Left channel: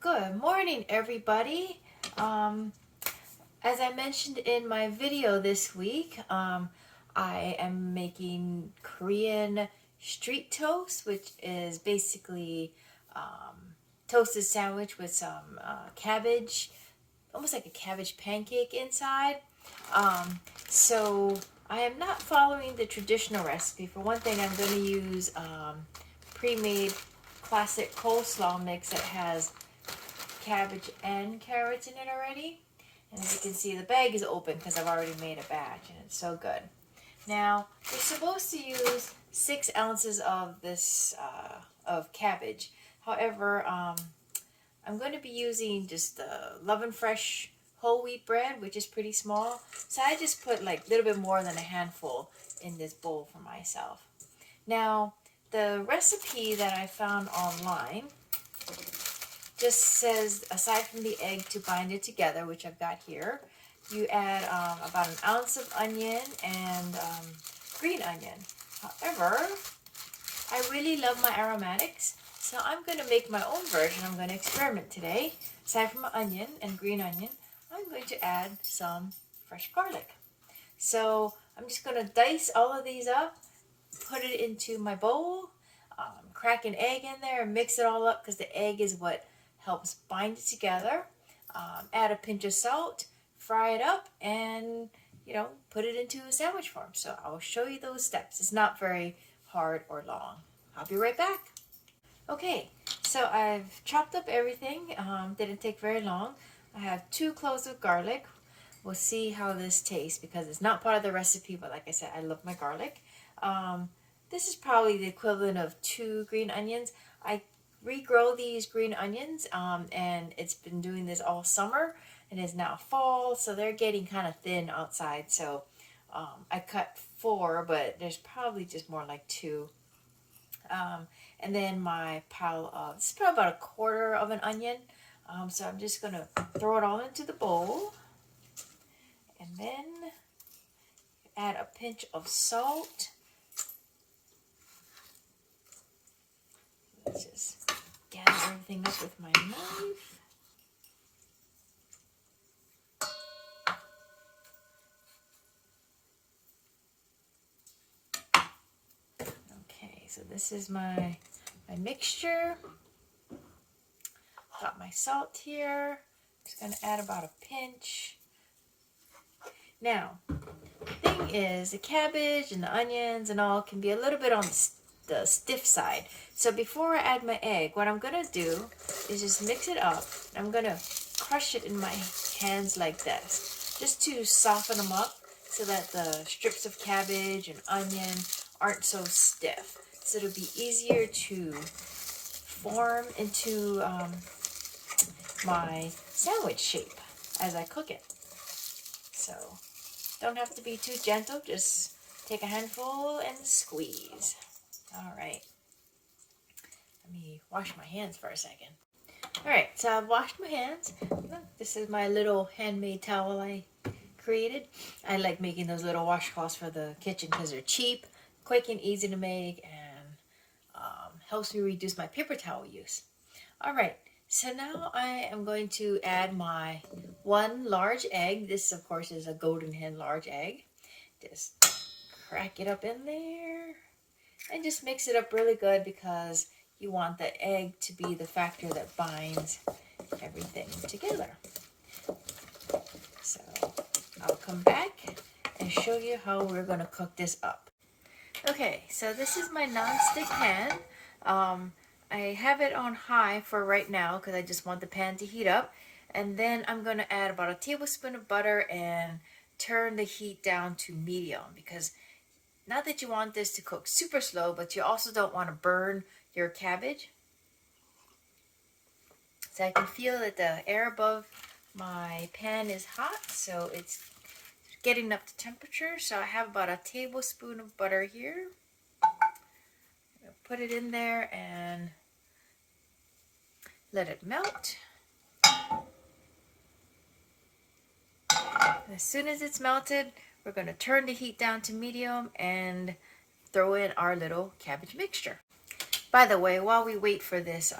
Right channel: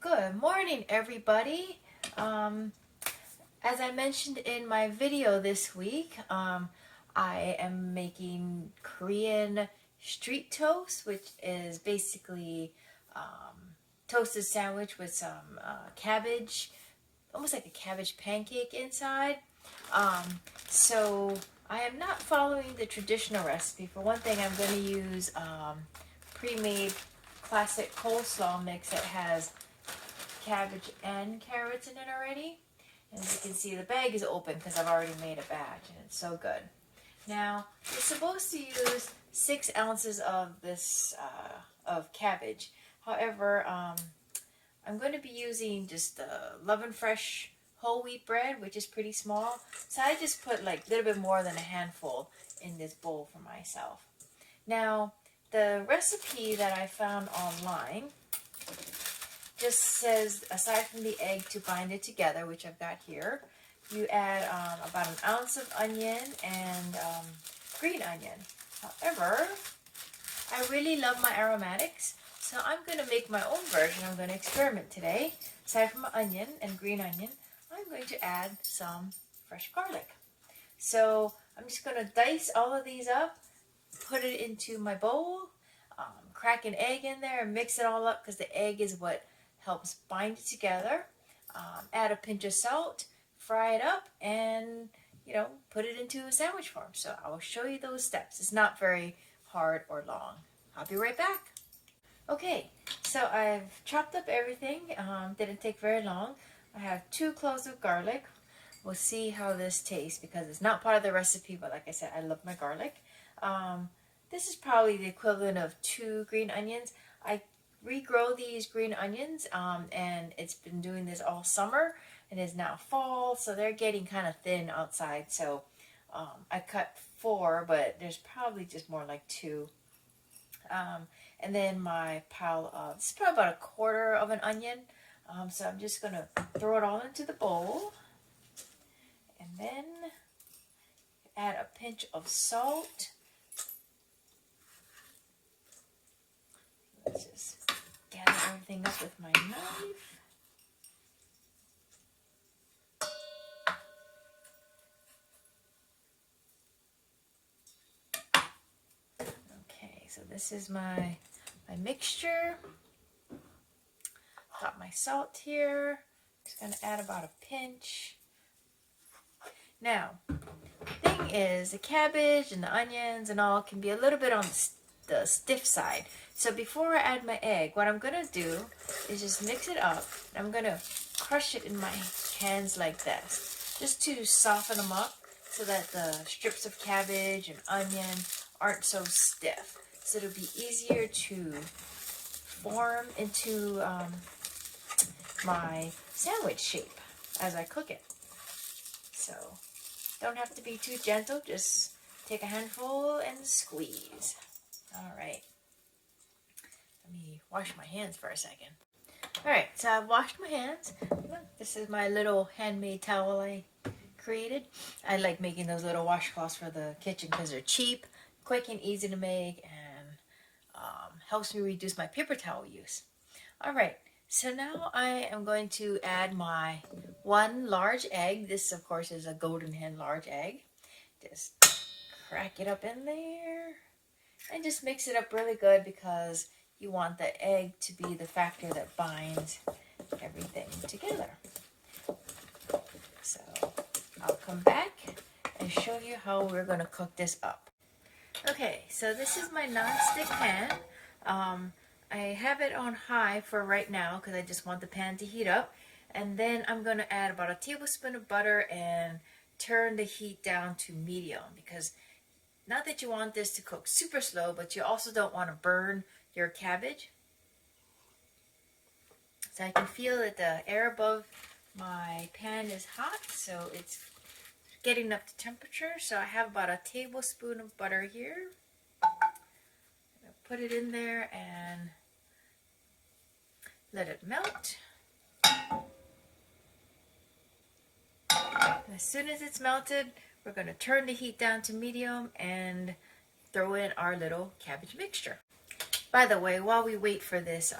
Good morning, everybody. As I mentioned in my video this week, I am making Korean street toast, which is basically toasted sandwich with some cabbage, almost like a cabbage pancake inside. So I am not following the traditional recipe. For one thing, I'm going to use pre-made classic coleslaw mix that has cabbage and carrots in it already. And as you can see, the bag is open because I've already made a batch and it's so good. Now, you're supposed to use 6 ounces of this of cabbage. However, I'm going to be using just Love and Fresh whole wheat bread, which is pretty small. So I just put like a little bit more than a handful in this bowl for myself. Now, the recipe that I found online just says, aside from the egg to bind it together, which I've got here, you add about an ounce of onion and green onion. However, I really love my aromatics, so I'm going to make my own version. I'm going to experiment today. Aside from onion and green onion, I'm going to add some fresh garlic. So I'm just going to dice all of these up, put it into my bowl, crack an egg in there, and mix it all up because the egg is what helps bind it together. Add a pinch of salt, fry it up, and put it into a sandwich form. So I will show you those steps. It's not very hard or long. I'll be right back. Okay, so I've chopped up everything. Didn't take very long. I have 2 cloves of garlic. We'll see how this tastes because it's not part of the recipe, but like I said, I love my garlic. This is probably the equivalent of 2 green onions. I regrow these green onions and it's been doing this all summer and is now fall, so they're getting kind of thin outside. So I cut 4, but there's probably just more like 2. And then my pile of, this is probably about 1/4 of an onion. So I'm just going to throw it all into the bowl. And then add a pinch of salt. Let's just gather everything up with my knife. Okay, so this is my mixture. Got my salt here. Just going to add about a pinch. Now, the thing is, the cabbage and the onions and all can be a little bit on the stiff side. So before I add my egg, what I'm going to do is just mix it up. I'm going to crush it in my hands like this, just to soften them up so that the strips of cabbage and onion aren't so stiff. So it'll be easier to form into my sandwich shape as I cook it. So don't have to be too gentle, just take a handful and squeeze. All right, let me wash my hands for a second. All right, so I've washed my hands. Look, this is my little handmade towel I created. I like making those little washcloths for the kitchen because they're cheap, quick and easy to make, and helps me reduce my paper towel use. All right, so now I am going to add my 1 large egg. This, of course, is a golden hen large egg. Just crack it up in there and just mix it up really good because you want the egg to be the factor that binds everything together. So I'll come back and show you how we're going to cook this up. Okay, so this is my non-stick pan. I have it on high for right now because I just want the pan to heat up. And then I'm going to add about a tablespoon of butter and turn the heat down to medium because not that you want this to cook super slow, but you also don't want to burn your cabbage. So I can feel that the air above my pan is hot, so it's getting up to temperature. So I have about a tablespoon of butter here. Put it in there and let it melt. As soon as it's melted, we're going to turn the heat down to medium and throw in our little cabbage mixture. By the way, while we wait for this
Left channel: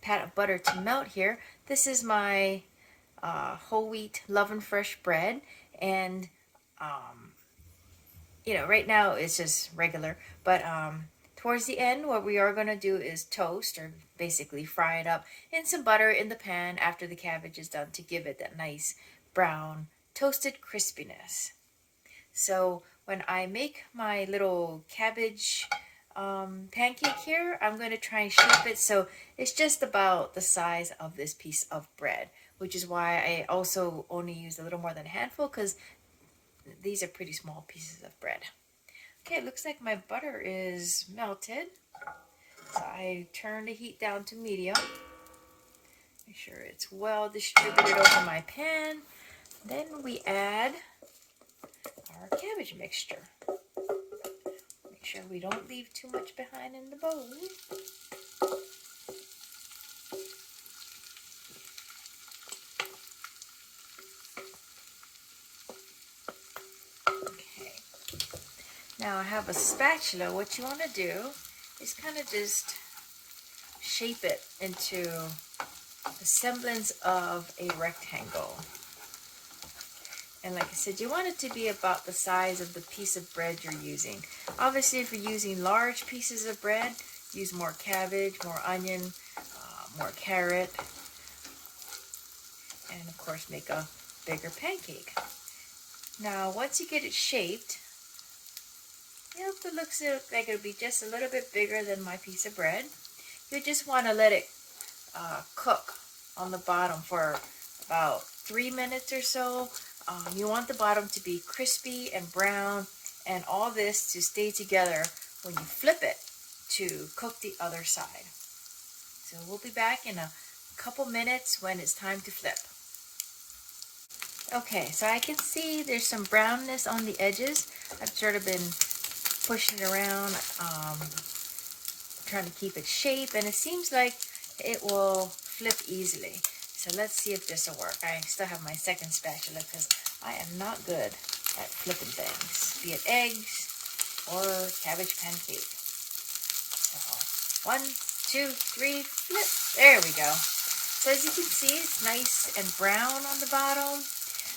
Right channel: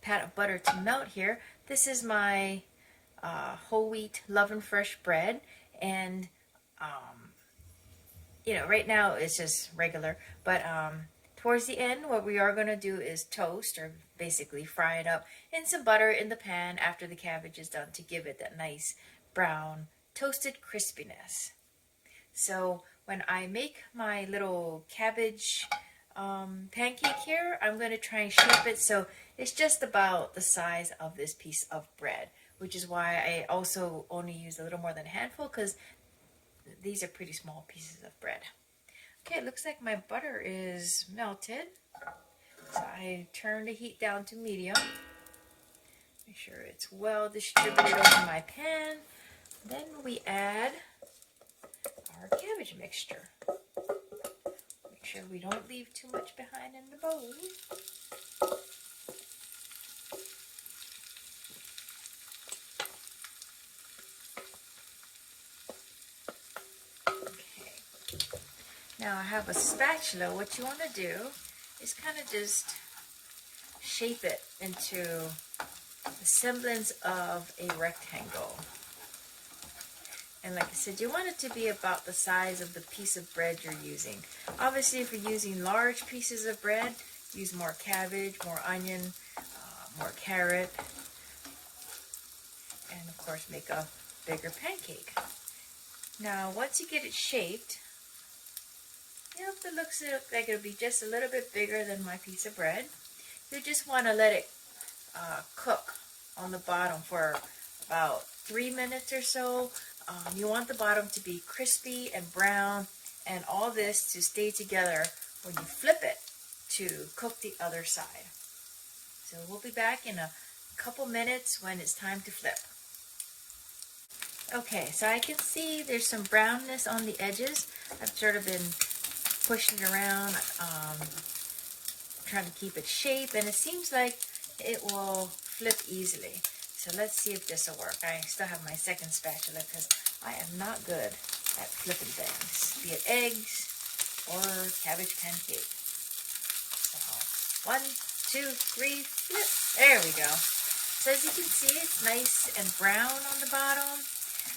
pat of butter to melt here. This is my whole wheat Love and Fresh bread, and you know, right now it's just regular, but towards the end, what we are going to do is toast, or basically fry it up in some butter in the pan after the cabbage is done, to give it that nice brown toasted crispiness. So when I make my little cabbage pancake here, I'm going to try and shape it so it's just about the size of this piece of bread, which is why I also only use a little more than a handful, because these are pretty small pieces of bread. Okay, it looks like my butter is melted. So I turn the heat down to medium. Make sure it's well distributed over my pan. Then we add our cabbage mixture. Make sure we don't leave too much behind in the bowl. Okay. Now I have a spatula. What you want to do is kind of just shape it into the semblance of a rectangle. And like I said, you want it to be about the size of the piece of bread you're using. Obviously, if you're using large pieces of bread, use more cabbage, more onion, more carrot, and of course make a bigger pancake. Now, once you get it shaped, it looks like it'll be just a little bit bigger than my piece of bread. You just want to let it cook on the bottom for about 3 minutes or so. You want the bottom to be crispy and brown, and all this to stay together when you flip it to cook the other side. So we'll be back in a couple minutes when it's time to flip. Okay, so I can see there's some brownness on the edges. I've sort of been pushing it around, trying to keep its shape, and it seems like it will flip easily. So let's see if this will work. I still have my second spatula because I am not good at flipping things, be it eggs or cabbage pancake. So 1, 2, 3, flip. There we go. So as you can see, it's nice and brown on the bottom.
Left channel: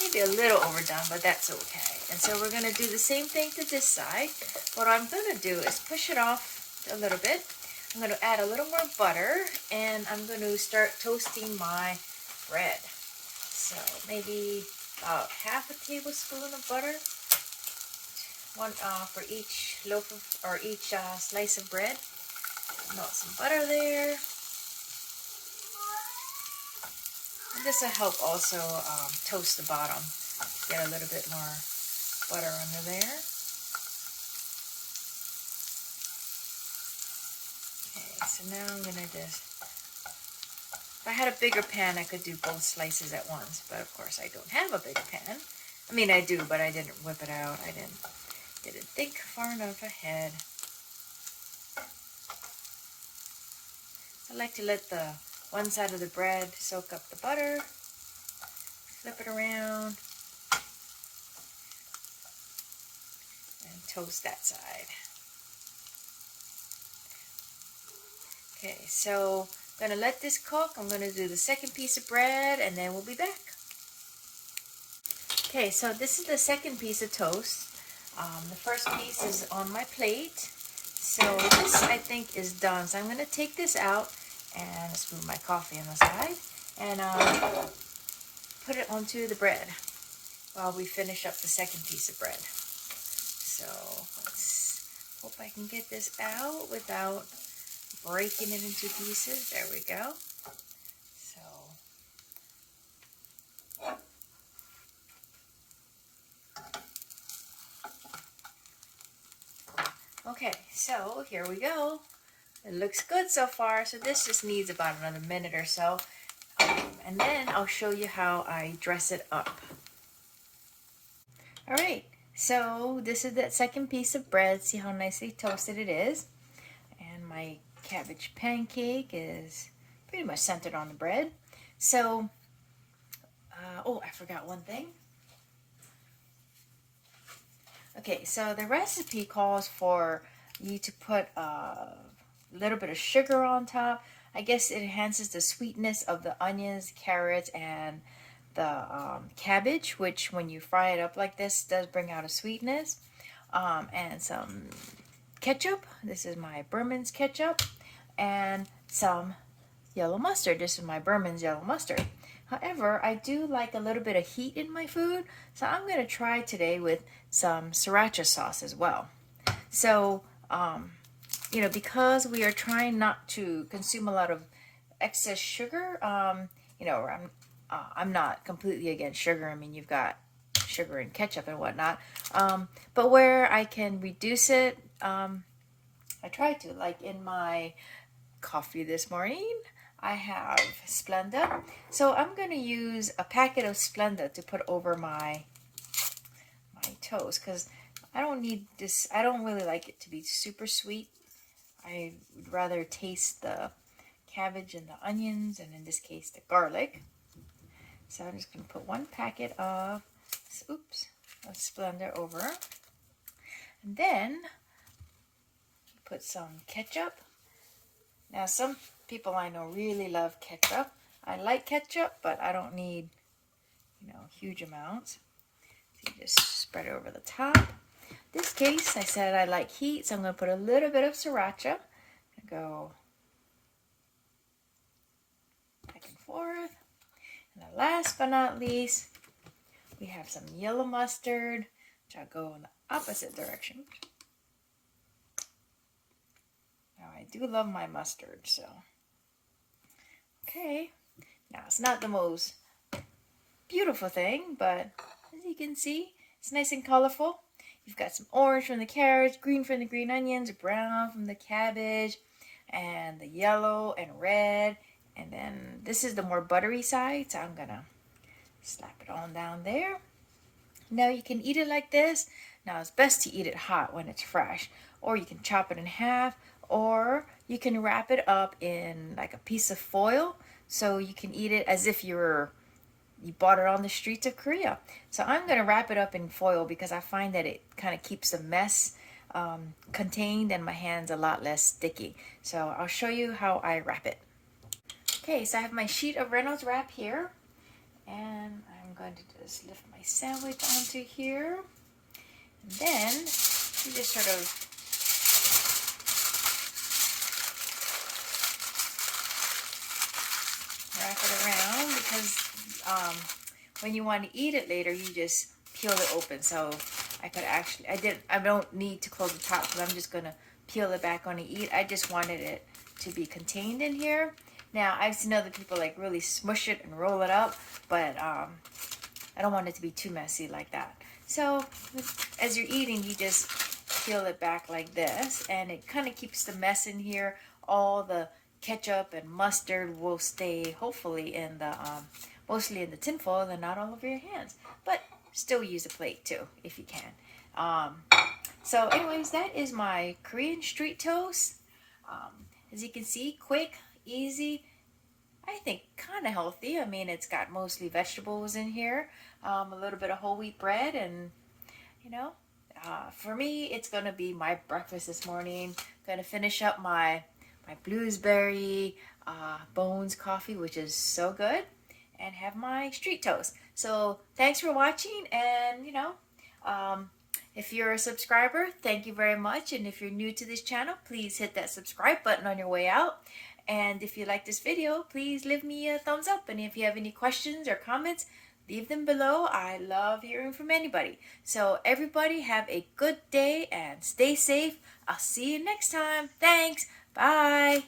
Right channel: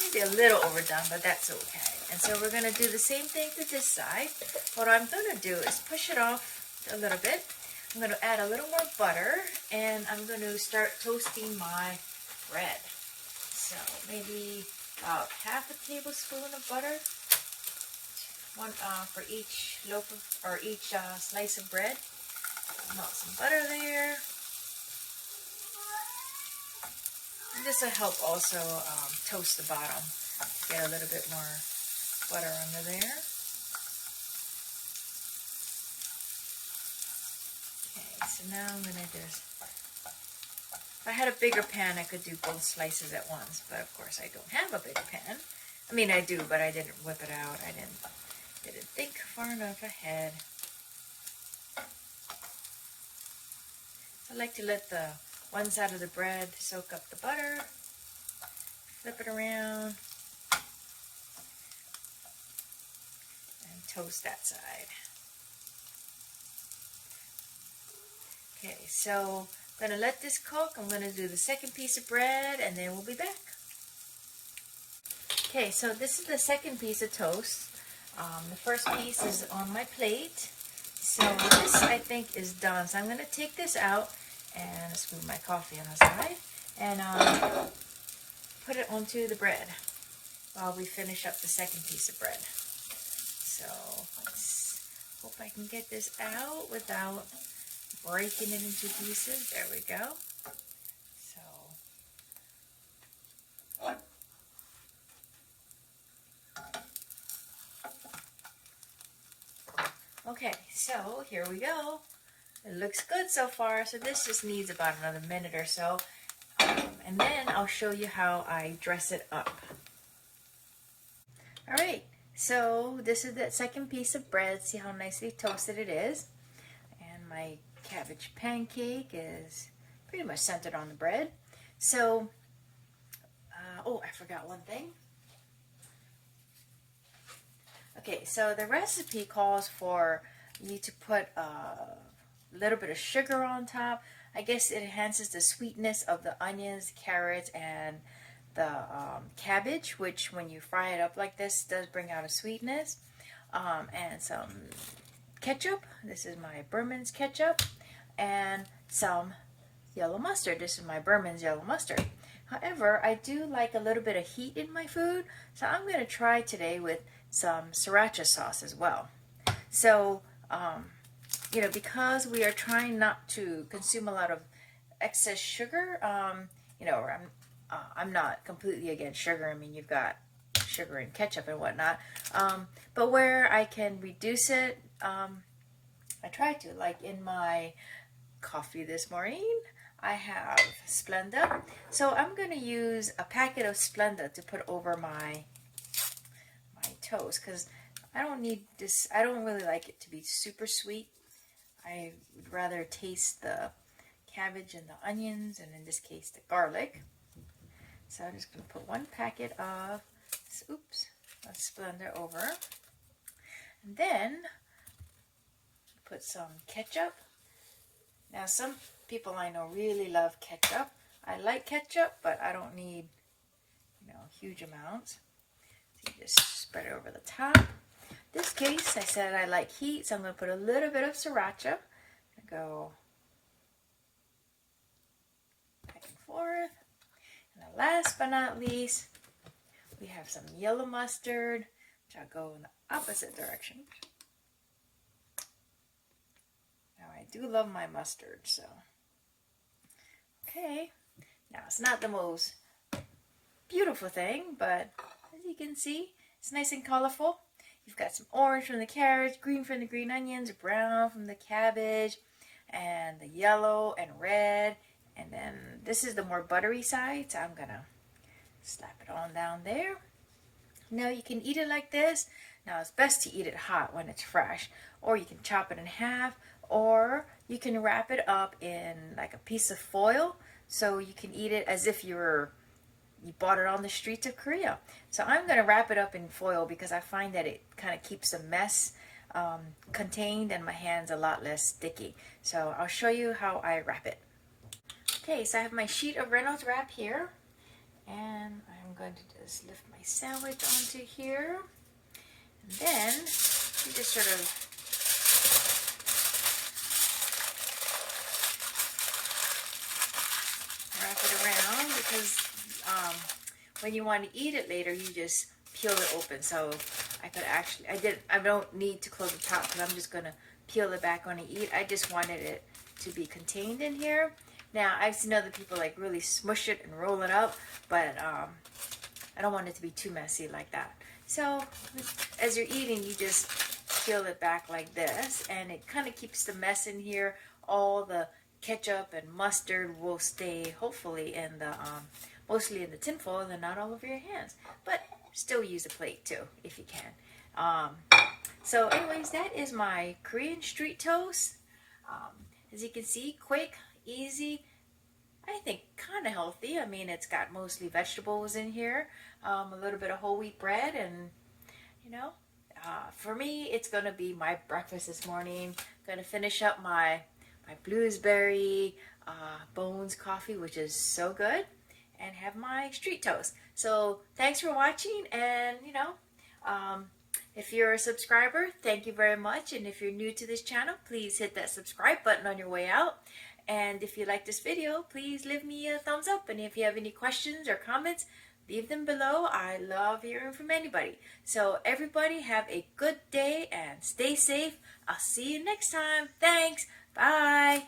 Maybe a little overdone, but that's okay. And so we're going to do the same thing to this side. What I'm going to do is push it off a little bit. I'm going to add a little more butter, and I'm going to start toasting my bread. So maybe about half a tablespoon of butter, one for each loaf of, or each slice of bread. Melt some butter there. And this will help also toast the bottom to get a little bit more butter under there. Okay, so now I'm going to just, if I had a bigger pan, I could do both slices at once, but of course I don't have a big pan. I mean, I do, but I didn't whip it out. I didn't think far enough ahead. So I like to let the one side of the bread soak up the butter, flip it around, and toast that side. Okay, so I'm going to let this cook. I'm going to do the second piece of bread, and then we'll be back. Okay, so this is the second piece of toast. The first piece is on my plate. So this, I think, is done. So I'm going to take this out and spoon my coffee on the side, and put it onto the bread while we finish up the second piece of bread. So let's hope I can get this out without breaking it into pieces. There we go. Okay, so here we go. It looks good so far, so this just needs about another minute or so. And then I'll show you how I dress it up. Alright, so this is that second piece of bread. See how nicely toasted it is. And my cabbage pancake is pretty much centered on the bread. So, oh, I forgot one thing. Okay, so the recipe calls for you to put a little bit of sugar on top. I guess it enhances the sweetness of the onions, carrots, and the cabbage, which when you fry it up like this does bring out a sweetness. And some ketchup. This is my Berman's ketchup. And some yellow mustard. This is my Berman's yellow mustard. However, I do like a little bit of heat in my food, so I'm going to try today with some sriracha sauce as well. So, because we are trying not to consume a lot of excess sugar, I'm not completely against sugar. I mean, you've got sugar and ketchup and whatnot, but where I can reduce it, I try to. Like in my coffee this morning, I have Splenda, so I'm going to use a packet of Splenda to put over my toast, because I don't need this. I don't really like it to be super sweet. I would rather taste the cabbage and the onions, and in this case the garlic. So I'm just going to put one packet of Splenda over, and then put some ketchup. Now some people I know really love ketchup. I like ketchup, but I don't need, huge amounts. So you just spread it over the top. In this case, I said I like heat, so I'm going to put a little bit of sriracha. Go back and forth. And then last but not least, we have some yellow mustard, which I'll go in the opposite direction. Now I do love my mustard, so. Okay, now it's not the most beautiful thing, but as you can see, it's nice and colorful. You've got some orange from the carrots, green from the green onions, brown from the cabbage, and the yellow and red. And then this is the more buttery side, so I'm gonna slap it on down there. Now you can eat it like this. Now it's best to eat it hot when it's fresh, or you can chop it in half, or you can wrap it up in like a piece of foil, so you can eat it as if you bought it on the streets of Korea. So I'm going to wrap it up in foil because I find that it kind of keeps the mess contained and my hand's a lot less sticky. So I'll show you how I wrap it. Okay, so I have my sheet of Reynolds wrap here, and I'm going to just lift my sandwich onto here. And then you just sort of wrap it around, because when you want to eat it later, you just peel it open. So I don't need to close the top, because I'm just going to peel it back on and eat. I just wanted it to be contained in here. Now, I've seen other people like really smush it and roll it up, but I don't want it to be too messy like that. So as you're eating, you just peel it back like this, and it kind of keeps the mess in here. All the ketchup and mustard will stay hopefully in the mostly in the tin foil and not all over your hands, but still use a plate too if you can. So anyways, that is my Korean street toast. As you can see, quick, easy, I think kind of healthy. I mean, it's got mostly vegetables in here, a little bit of whole wheat bread, and for me, it's going to be my breakfast this morning. Going to finish up my blueberry bones coffee, which is so good, and have my street toast. So thanks for watching, and if you're a subscriber, thank you very much. And if you're new to this channel, please hit that subscribe button on your way out. And if you like this video, please leave me a thumbs up. And if you have any questions or comments, leave them below. I love hearing from anybody. So everybody have a good day and stay safe. I'll see you next time. Thanks. Bye.